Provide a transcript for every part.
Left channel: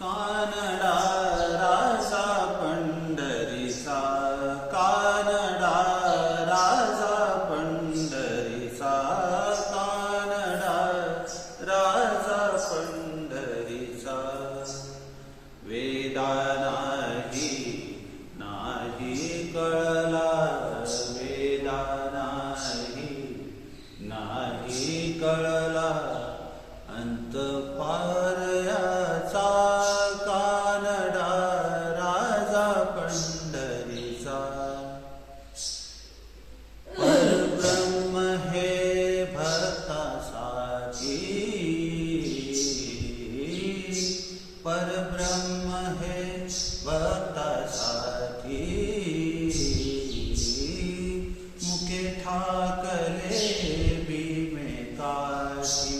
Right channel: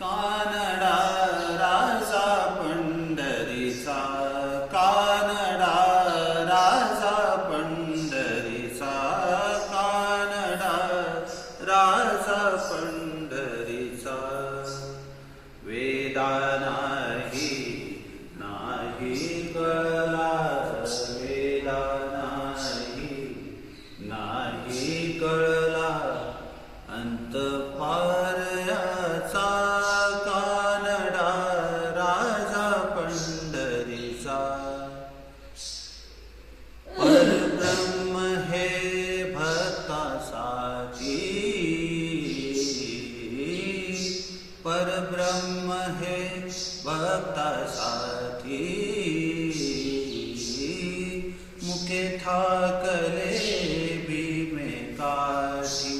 कानडा राजा पंढरीचा, कानडा राजा पंढरीचा, कानडा राजा पंढरीचा. वेदा नाही कळला, वेदा नाही कळला अंत पार याचा. कानडा राजा पंढरीचा. परब्रह्म हे भक्तासाठी, परब्रह्म हे भक्तासाठी. मुके ठाकले भीमे काठी,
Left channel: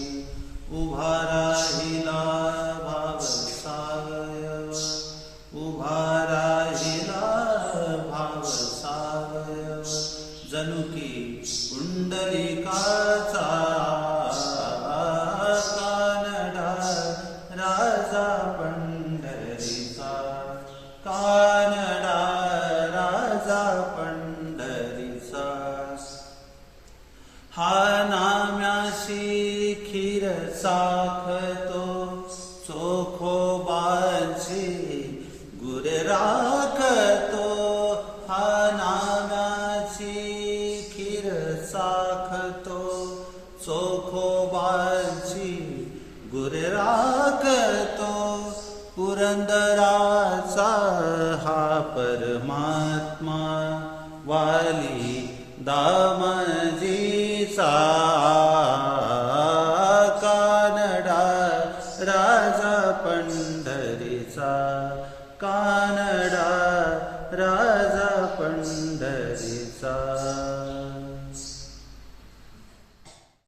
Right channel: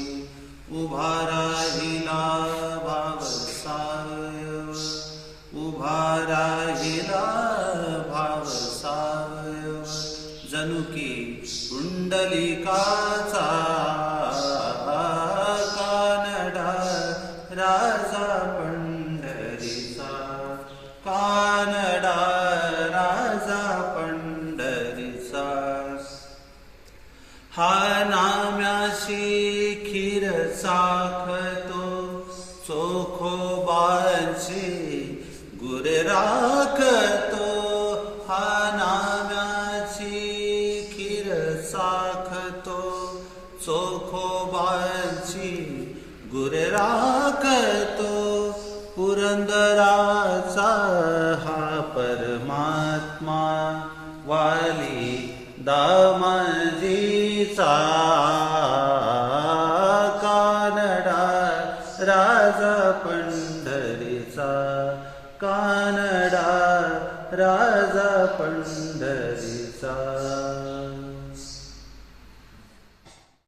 उभा राहिला भावसावयव, उभा राहिला भावसावयव. जणू की पुंडलिकाचा. कानडा राजा पंढरीचा, कानडा राजा पंढरीचा. हा नाम्याशी खीर साखतो, चोखोबाची गुरे राखतो. हा नाम्याची खीर साखतो, चोखोबाची गुरे राखतो. पुरंदराचा हा परमात्मा, वाली दामाजीचा. कानडा राजा पंढरीचा, कानडा राजा पंढरीचा.